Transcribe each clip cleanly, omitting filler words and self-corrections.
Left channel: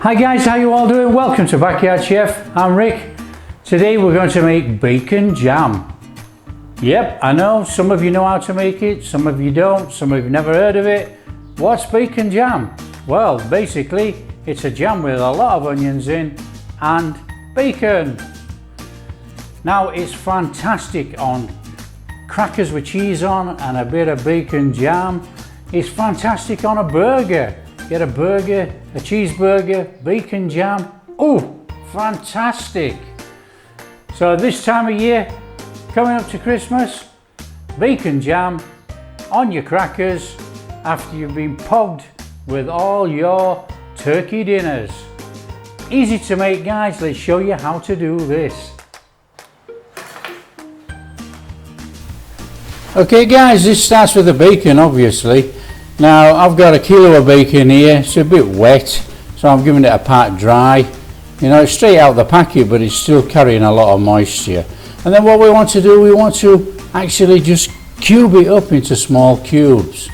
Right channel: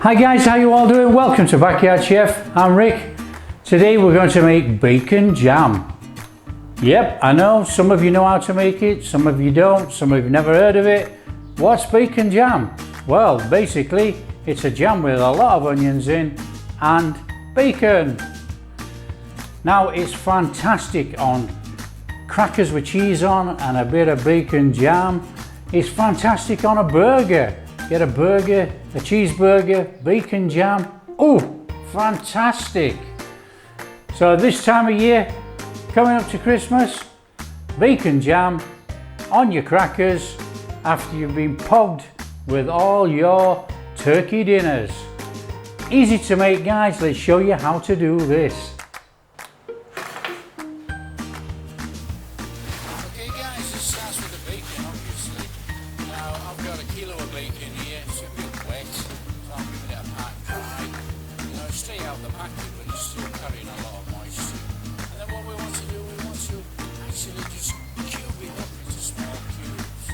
Hi guys, how you all doing? Welcome to Backyard Chef. I'm Rick. Today we're going to make bacon jam. Yep, I know some of you know how to make it, some of you don't, some of you never heard of it. What's bacon jam? Well, basically it's a jam with a lot of onions in and bacon. Now it's fantastic on crackers with cheese on and a bit of bacon jam. It's fantastic on a burger. Get a burger, a cheeseburger, bacon jam. Oh, fantastic. So this time of year, coming up to Christmas, bacon jam on your crackers after you've been pogged with all your turkey dinners. Easy to make, guys. Let's show you how to do this. Okay guys, this starts with the bacon obviously. Now I've got a kilo of bacon here. It's a bit wet, so I'm giving it a pat dry. You know, it's straight out the packet, but it's still carrying a lot of moisture. And then what we want to do, we want to actually just cube it up into small cubes.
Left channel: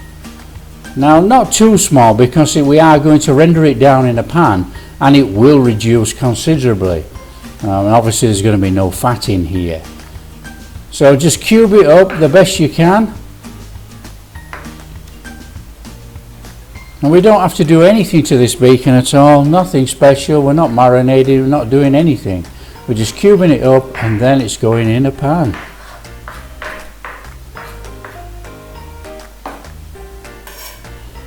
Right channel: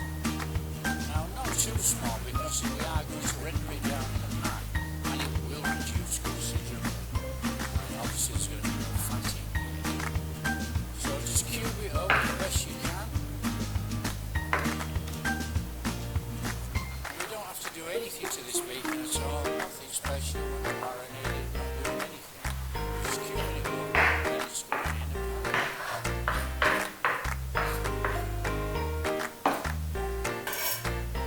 Now not too small, because we are going to render it down in a pan and it will reduce considerably. And obviously there's going to be no fat in here. So just cube it up the best you can. And we don't have to do anything to this bacon at all, nothing special. We're not marinating, we're not doing anything. We're just cubing it up and then it's going in a pan.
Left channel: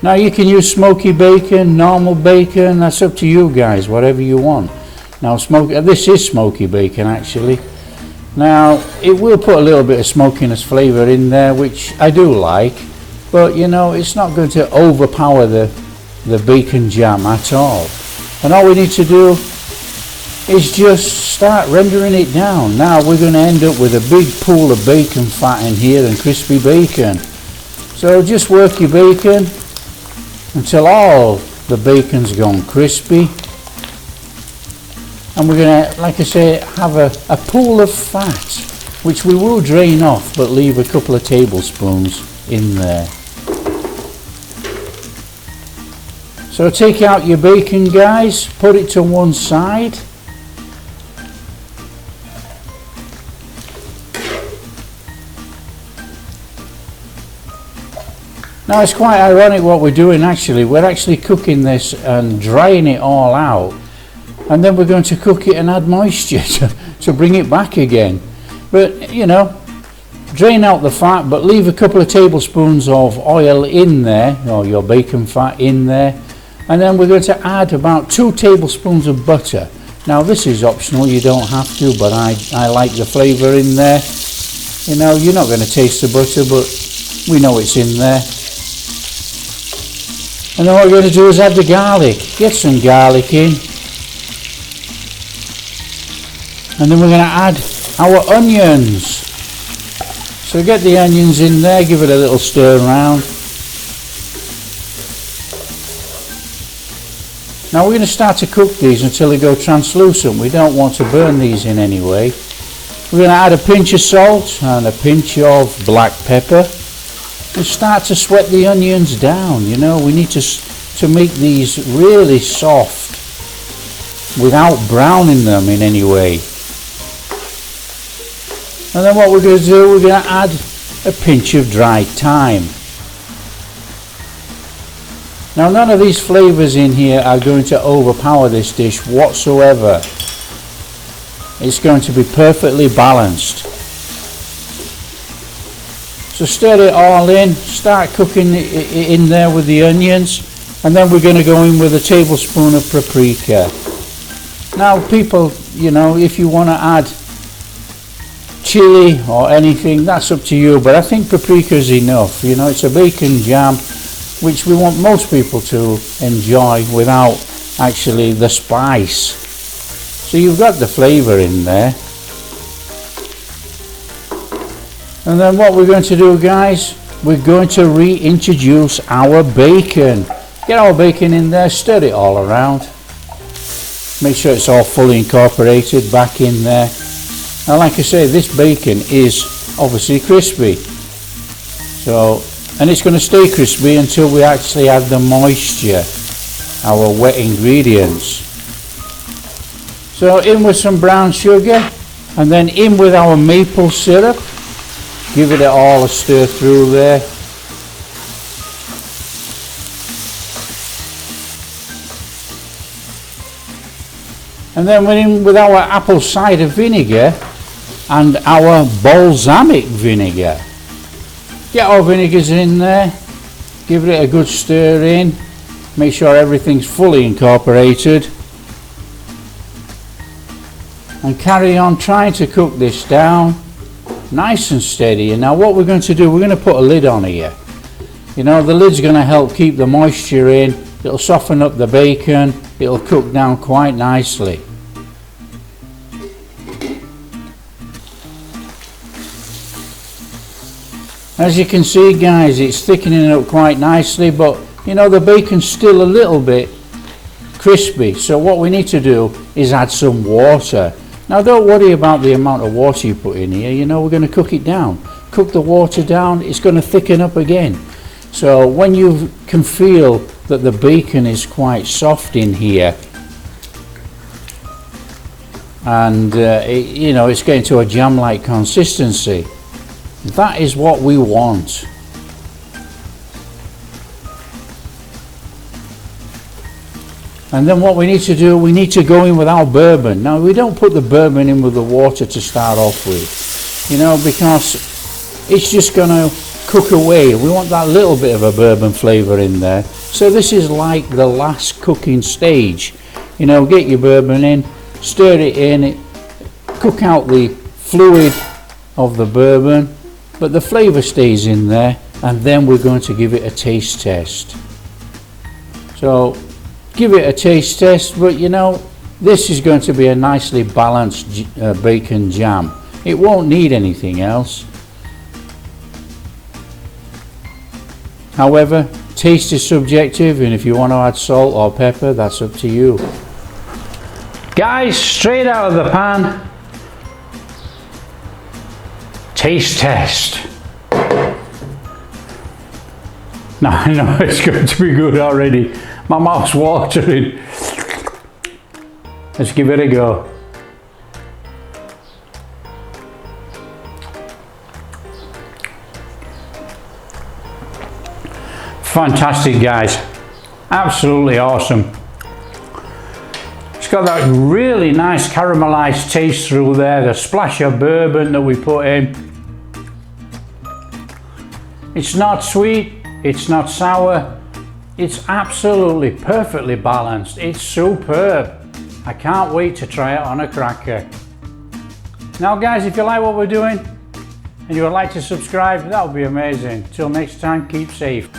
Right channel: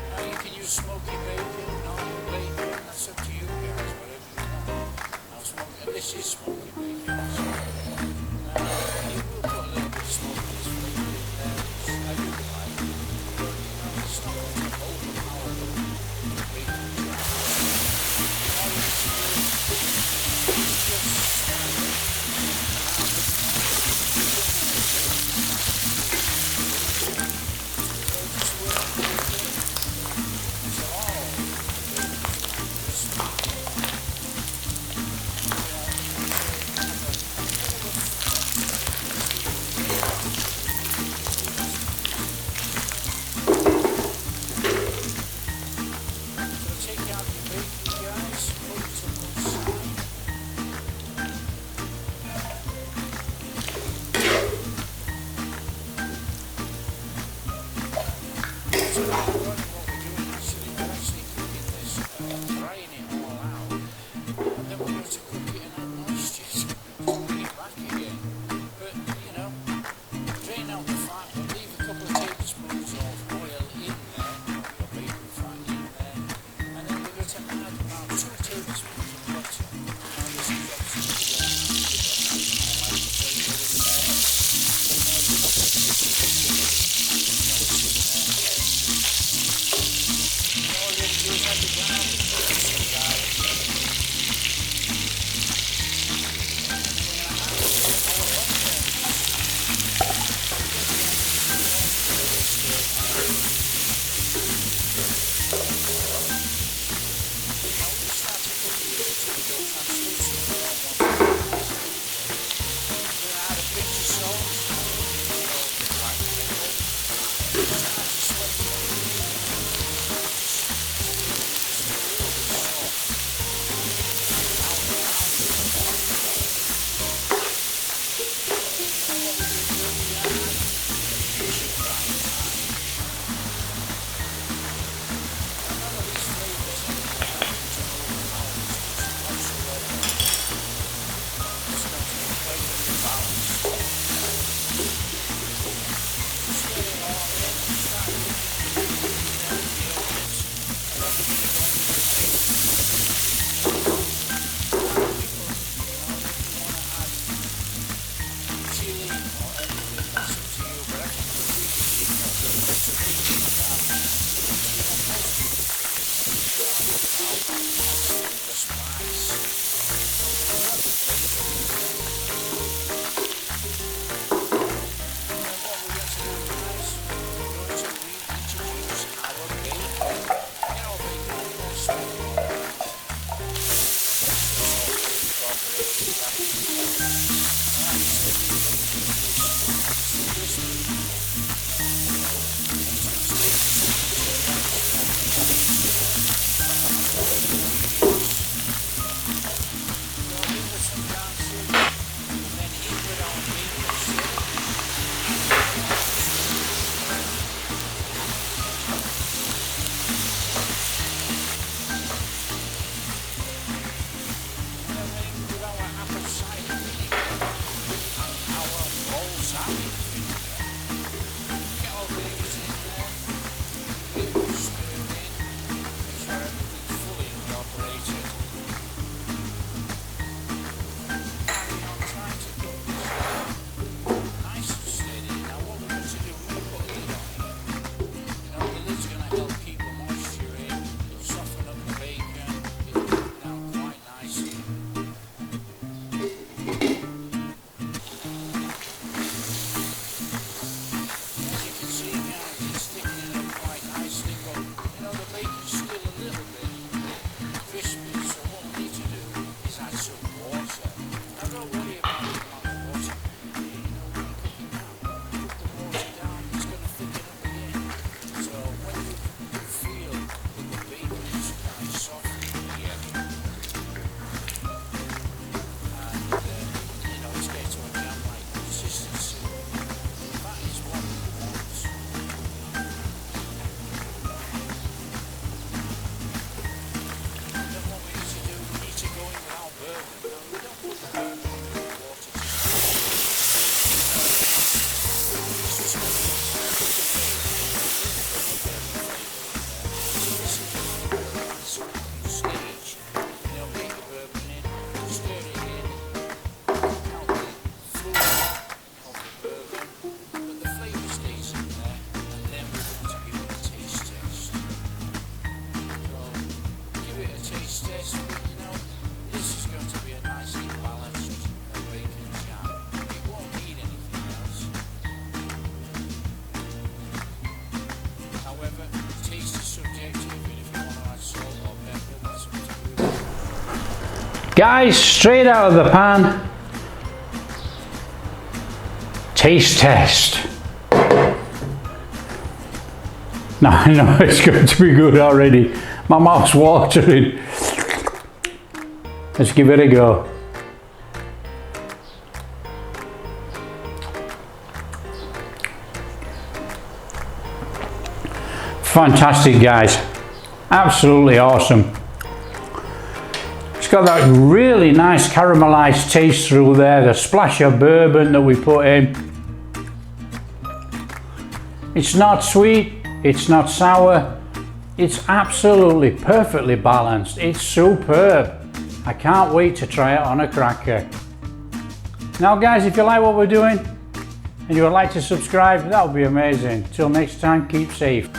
Now you can use smoky bacon, normal bacon, that's up to you guys, whatever you want. Now this is smoky bacon actually. Now it will put a little bit of smokiness flavour in there, which I do like. But you know, it's not going to overpower the bacon jam at all. And all we need to do is just start rendering it down. Now we're going to end up with a big pool of bacon fat in here and crispy bacon. So just work your bacon until all the bacon's gone crispy. And we're going to, like I say, have a pool of fat, which we will drain off, but leave a couple of tablespoons in there. So take out your bacon guys, put it to one side. Now it's quite ironic what we're doing actually. We're actually cooking this and drying it all out, and then we're going to cook it and add moisture to bring it back again. But you know, drain out the fat, but leave a couple of tablespoons of oil in there, or your bacon fat in there. And then we're going to add about 2 tablespoons of butter. Now this is optional, you don't have to, but I like the flavour in there. You know, you're not going to taste the butter, but we know it's in there. And then what we're going to do is add the garlic. Get some garlic in. And then we're going to add our onions. So get the onions in there, give it a little stir around. Now we're going to start to cook these until they go translucent. We don't want to burn these in any way. We're going to add a pinch of salt and a pinch of black pepper. We start to sweat the onions down. You know, we need to make these really soft without browning them in any way. And then what we're going to do, we're going to add a pinch of dried thyme. Now none of these flavours in here are going to overpower this dish whatsoever. It's going to be perfectly balanced. So stir it all in, start cooking it in there with the onions, and then we're going to go in with a tablespoon of paprika. Now people, you know, if you want to add chili or anything, that's up to you, but I think paprika is enough. You know, it's a bacon jam which we want most people to enjoy without actually the spice. So you've got the flavour in there. And then what we're going to do guys, we're going to reintroduce our bacon. Get our bacon in there, stir it all around. Make sure it's all fully incorporated back in there. Now like I say, this bacon is obviously crispy. So, and it's going to stay crispy until we actually add the moisture, our wet ingredients. So in with some brown sugar, and then in with our maple syrup. Give it all a stir through there. And then we're in with our apple cider vinegar and our balsamic vinegar. Get our vinegars in there, give it a good stir in, make sure everything's fully incorporated, and carry on trying to cook this down nice and steady. And now what we're going to do, we're going to put a lid on here. You know, the lid's going to help keep the moisture in, it'll soften up the bacon, it'll cook down quite nicely. As you can see, guys, it's thickening up quite nicely, but you know, the bacon's still a little bit crispy, so what we need to do is add some water. Now don't worry about the amount of water you put in here, you know, we're going to cook it down. Cook the water down, it's going to thicken up again. So when you can feel that the bacon is quite soft in here, and you know, it's getting to a jam-like consistency, that is what we want. And then what we need to do, we need to go in with our bourbon. Now we don't put the bourbon in with the water to start off with, you know, because it's just going to cook away. We want that little bit of a bourbon flavour in there. So this is like the last cooking stage. You know, get your bourbon in, stir it in, cook out the fluid of the bourbon, but the flavour stays in there, and then we're going to give it a taste test. So give it a taste test, but you know, this is going to be a nicely balanced bacon jam. It won't need anything else. However, taste is subjective, and if you want to add salt or pepper, that's up to you. Guys, straight out of the pan, taste test. Now I know it's going to be good already. My mouth's watering. Let's give it a go. Fantastic, guys. Absolutely awesome. It's got that really nice caramelized taste through there, the splash of bourbon that we put in. It's not sweet, it's not sour, it's absolutely perfectly balanced. It's superb. I can't wait to try it on a cracker. Now guys, if you like what we're doing and you would like to subscribe, that would be amazing. Till next time, keep safe.